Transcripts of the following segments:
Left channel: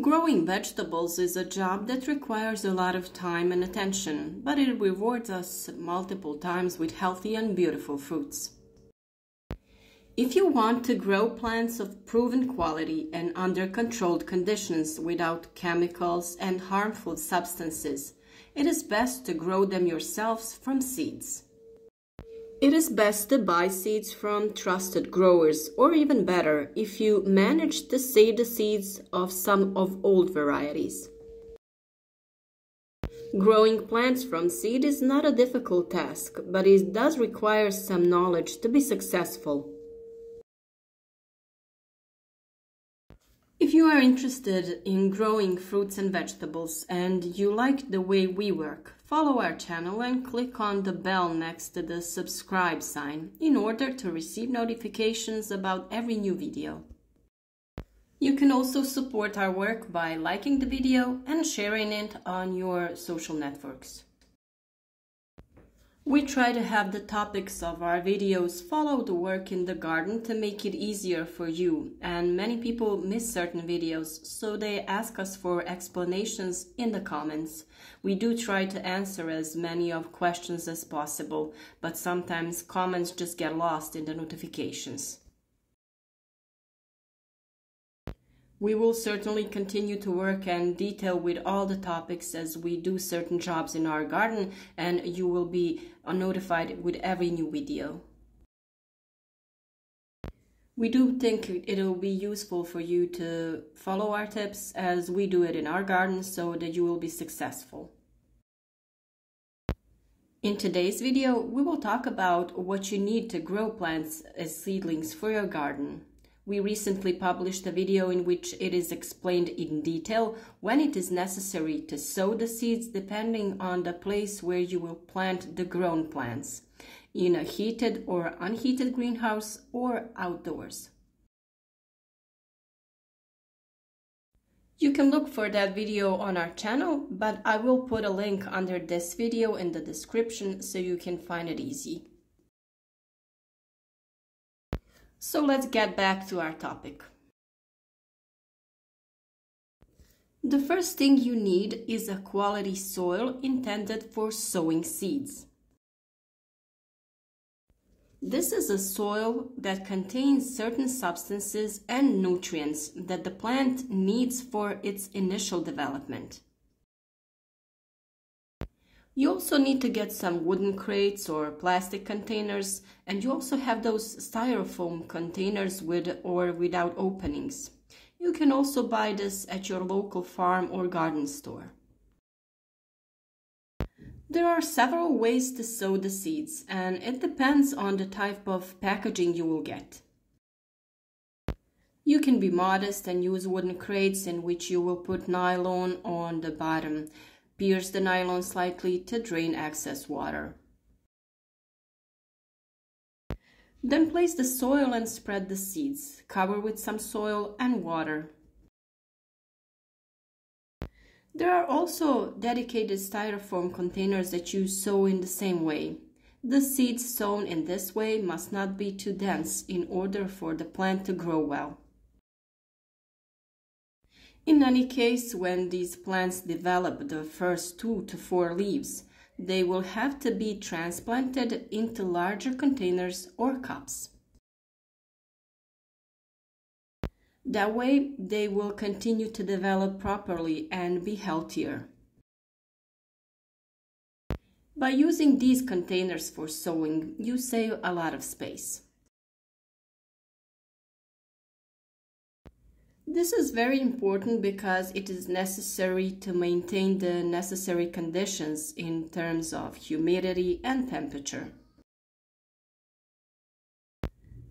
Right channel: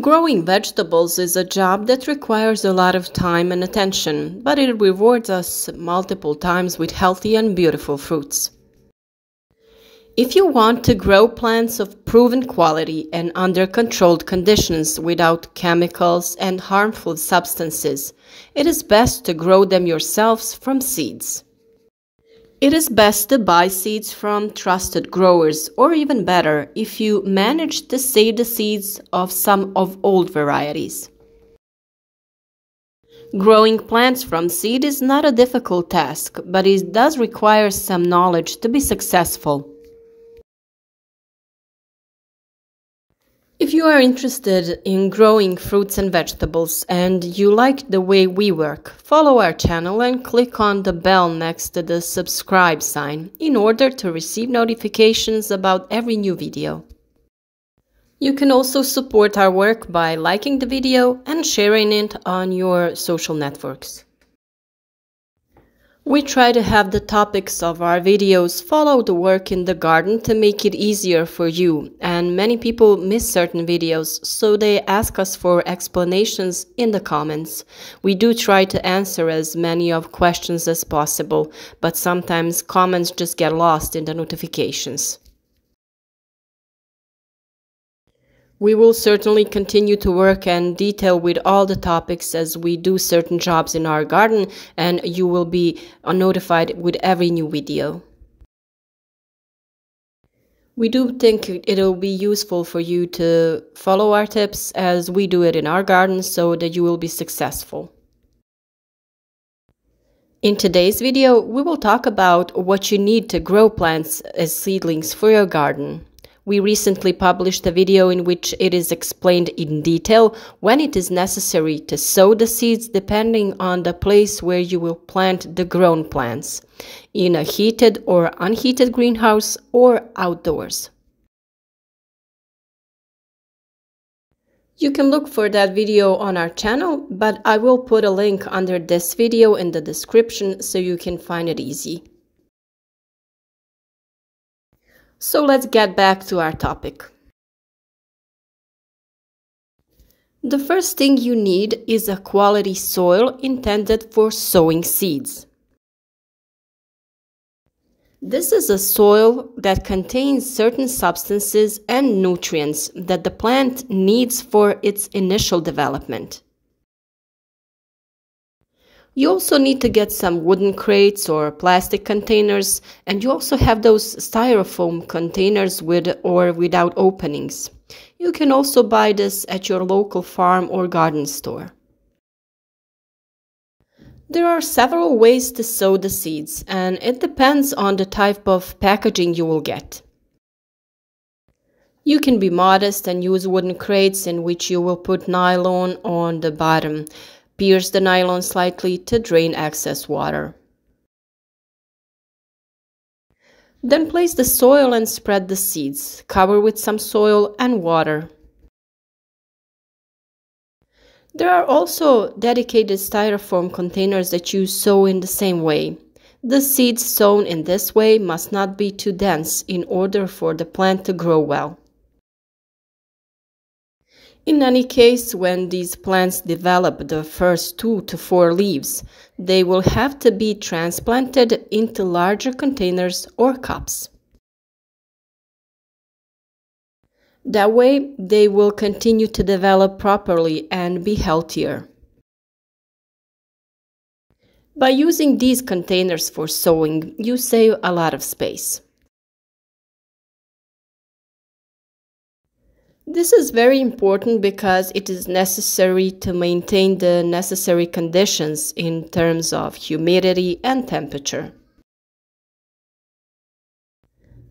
Growing vegetables is a job that requires a lot of time and attention, but it rewards us multiple times with healthy and beautiful fruits. If you want to grow plants of proven quality and under controlled conditions without chemicals and harmful substances, it is best to grow them yourselves from seeds. It is best to buy seeds from trusted growers, or even better, if you manage to save the seeds of some of old varieties. Growing plants from seed is not a difficult task, but it does require some knowledge to be successful. If you are interested in growing fruits and vegetables and you like the way we work, follow our channel and click on the bell next to the subscribe sign in order to receive notifications about every new video. You can also support our work by liking the video and sharing it on your social networks. We try to have the topics of our videos follow the work in the garden to make it easier for you, and many people miss certain videos, so they ask us for explanations in the comments. We do try to answer as many of questions as possible, but sometimes comments just get lost in the notifications. We will certainly continue to work and detail with all the topics as we do certain jobs in our garden, and you will be notified with every new video. We do think it'll be useful for you to follow our tips as we do it in our garden so that you will be successful. In today's video, we will talk about what you need to grow plants as seedlings for your garden. We recently published a video in which it is explained in detail when it is necessary to sow the seeds depending on the place where you will plant the grown plants, in a heated or unheated greenhouse or outdoors. You can look for that video on our channel, but I will put a link under this video in the description so you can find it easy. So let's get back to our topic. The first thing you need is a quality soil intended for sowing seeds. This is a soil that contains certain substances and nutrients that the plant needs for its initial development. You also need to get some wooden crates or plastic containers, and you also have those styrofoam containers with or without openings. You can also buy this at your local farm or garden store. There are several ways to sow the seeds, and it depends on the type of packaging you will get. You can be modest and use wooden crates in which you will put nylon on the bottom. Pierce the nylon slightly to drain excess water. Then place the soil and spread the seeds. Cover with some soil and water. There are also dedicated styrofoam containers that you sow in the same way. The seeds sown in this way must not be too dense in order for the plant to grow well. In any case, when these plants develop the first 2 to 4 leaves, they will have to be transplanted into larger containers or cups. That way, they will continue to develop properly and be healthier. By using these containers for sowing, you save a lot of space. This is very important because it is necessary to maintain the necessary conditions in terms of humidity and temperature.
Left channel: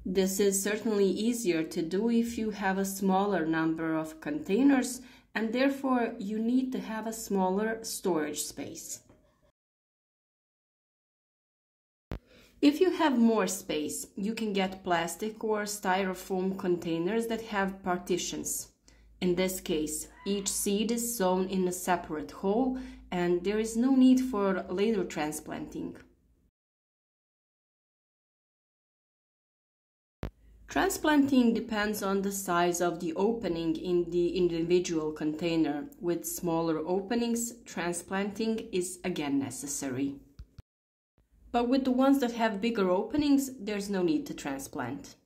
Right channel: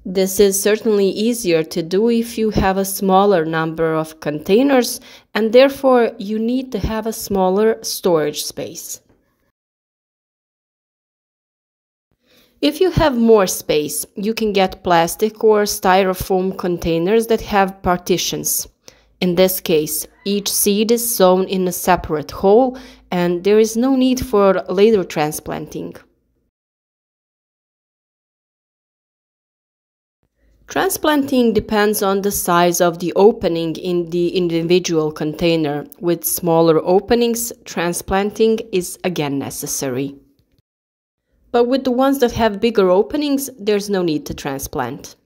This is certainly easier to do if you have a smaller number of containers, and therefore you need to have a smaller storage space. If you have more space, you can get plastic or styrofoam containers that have partitions. In this case, each seed is sown in a separate hole and there is no need for later transplanting. Transplanting depends on the size of the opening in the individual container. With smaller openings, transplanting is again necessary. But with the ones that have bigger openings, there's no need to transplant.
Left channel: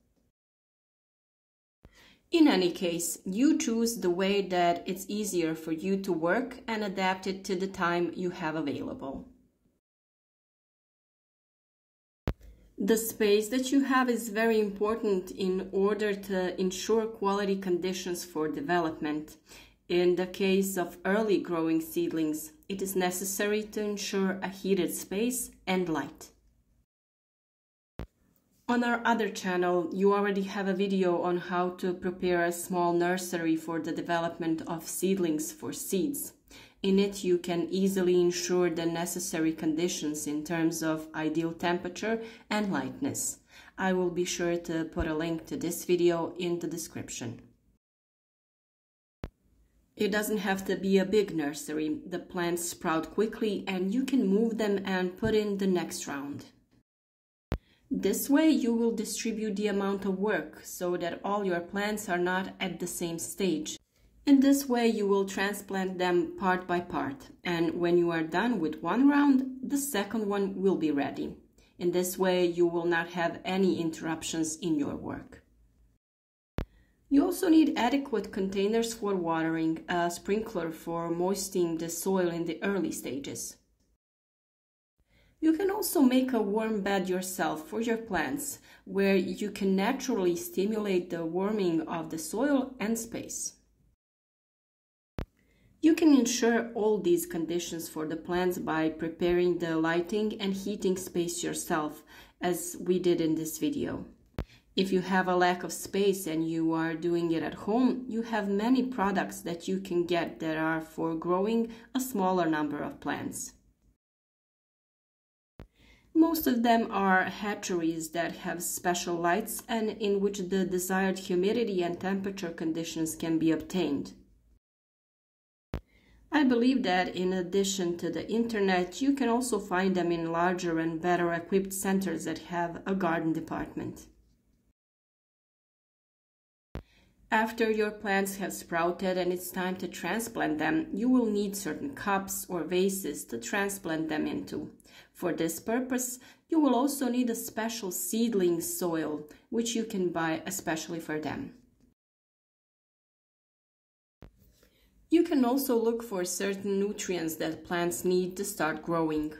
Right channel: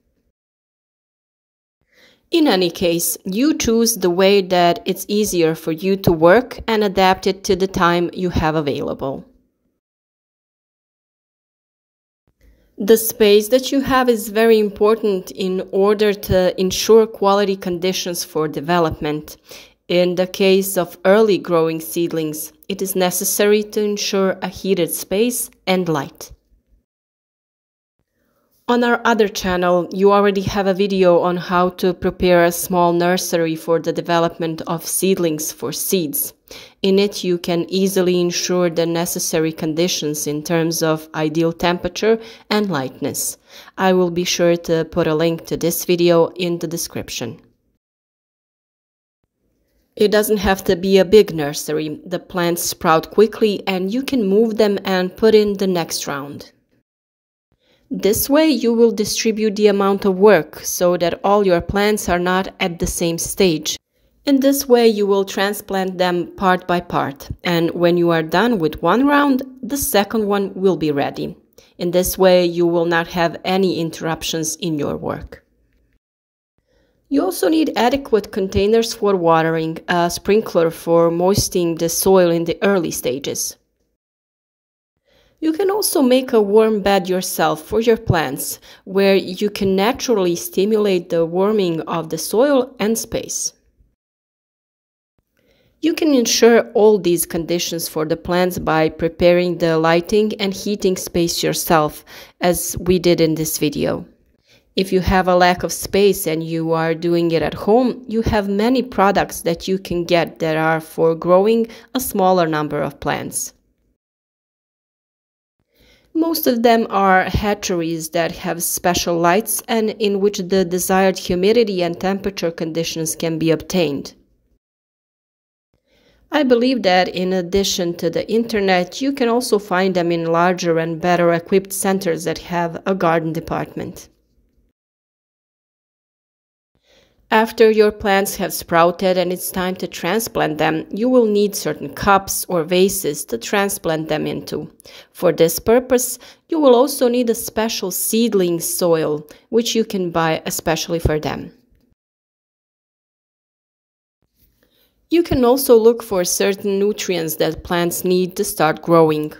In any case, you choose the way that it's easier for you to work and adapt it to the time you have available. The space that you have is very important in order to ensure quality conditions for development. In the case of early growing seedlings, it is necessary to ensure a heated space and light. On our other channel, you already have a video on how to prepare a small nursery for the development of seedlings for seeds. In it, you can easily ensure the necessary conditions in terms of ideal temperature and lightness. I will be sure to put a link to this video in the description. It doesn't have to be a big nursery. The plants sprout quickly and you can move them and put in the next round. This way you will distribute the amount of work so that all your plants are not at the same stage. In this way you will transplant them part by part, and when you are done with one round, the second one will be ready. In this way you will not have any interruptions in your work. You also need adequate containers for watering, a sprinkler for moistening the soil in the early stages. You can also make a worm bed yourself for your plants, where you can naturally stimulate the warming of the soil and space. You can ensure all these conditions for the plants by preparing the lighting and heating space yourself, as we did in this video. If you have a lack of space and you are doing it at home, you have many products that you can get that are for growing a smaller number of plants. Most of them are hatcheries that have special lights and in which the desired humidity and temperature conditions can be obtained. I believe that in addition to the internet, you can also find them in larger and better equipped centers that have a garden department. After your plants have sprouted and it's time to transplant them, you will need certain cups or vases to transplant them into. For this purpose, you will also need a special seedling soil, which you can buy especially for them. You can also look for certain nutrients that plants need to start growing.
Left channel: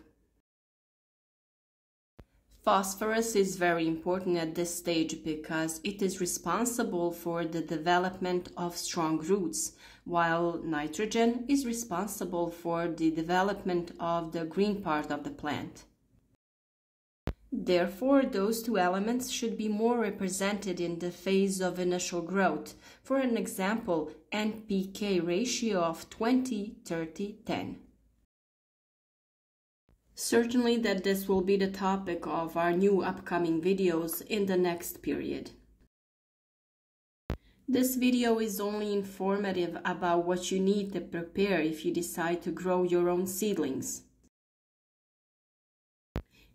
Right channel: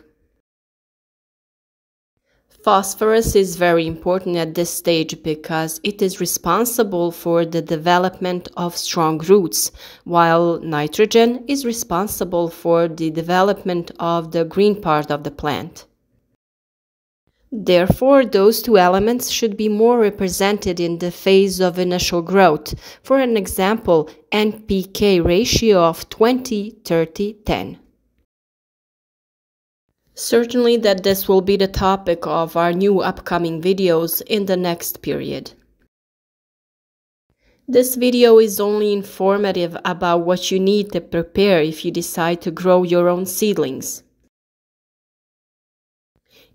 Phosphorus is very important at this stage because it is responsible for the development of strong roots, while nitrogen is responsible for the development of the green part of the plant. Therefore, those two elements should be more represented in the phase of initial growth. For an example, NPK ratio of 20-30-10. Certainly that this will be the topic of our new upcoming videos in the next period. This video is only informative about what you need to prepare if you decide to grow your own seedlings.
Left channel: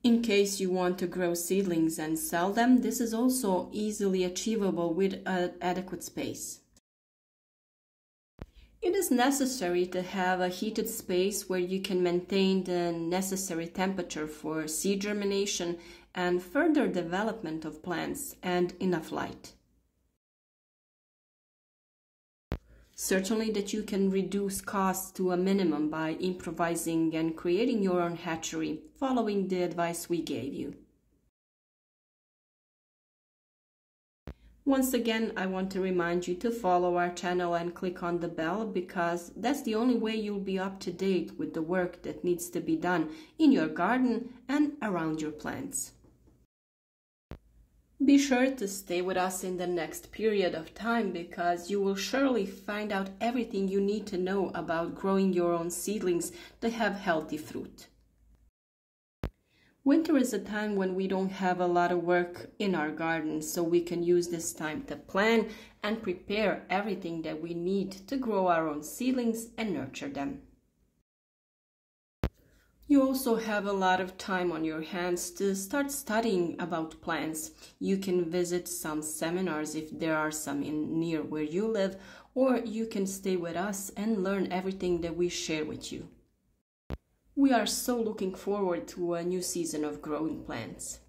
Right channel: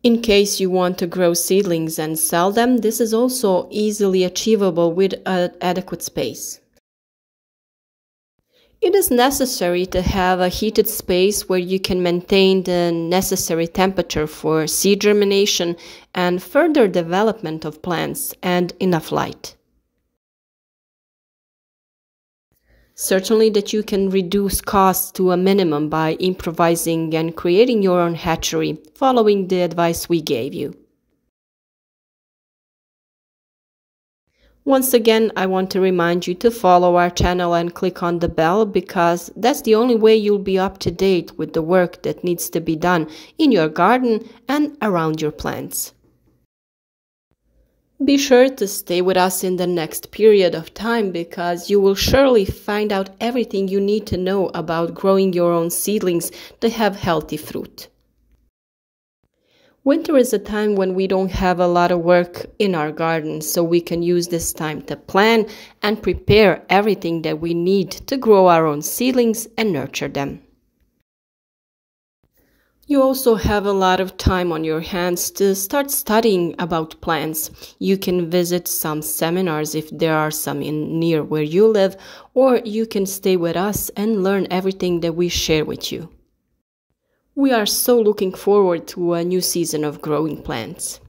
In case you want to grow seedlings and sell them, this is also easily achievable with adequate space. It is necessary to have a heated space where you can maintain the necessary temperature for seed germination and further development of plants, and enough light. Certainly that you can reduce costs to a minimum by improvising and creating your own hatchery, following the advice we gave you. Once again, I want to remind you to follow our channel and click on the bell, because that's the only way you'll be up to date with the work that needs to be done in your garden and around your plants. Be sure to stay with us in the next period of time, because you will surely find out everything you need to know about growing your own seedlings to have healthy fruit. Winter is a time when we don't have a lot of work in our garden, so we can use this time to plan and prepare everything that we need to grow our own seedlings and nurture them. You also have a lot of time on your hands to start studying about plants. You can visit some seminars if there are some near where you live, or you can stay with us and learn everything that we share with you. We are so looking forward to a new season of growing plants.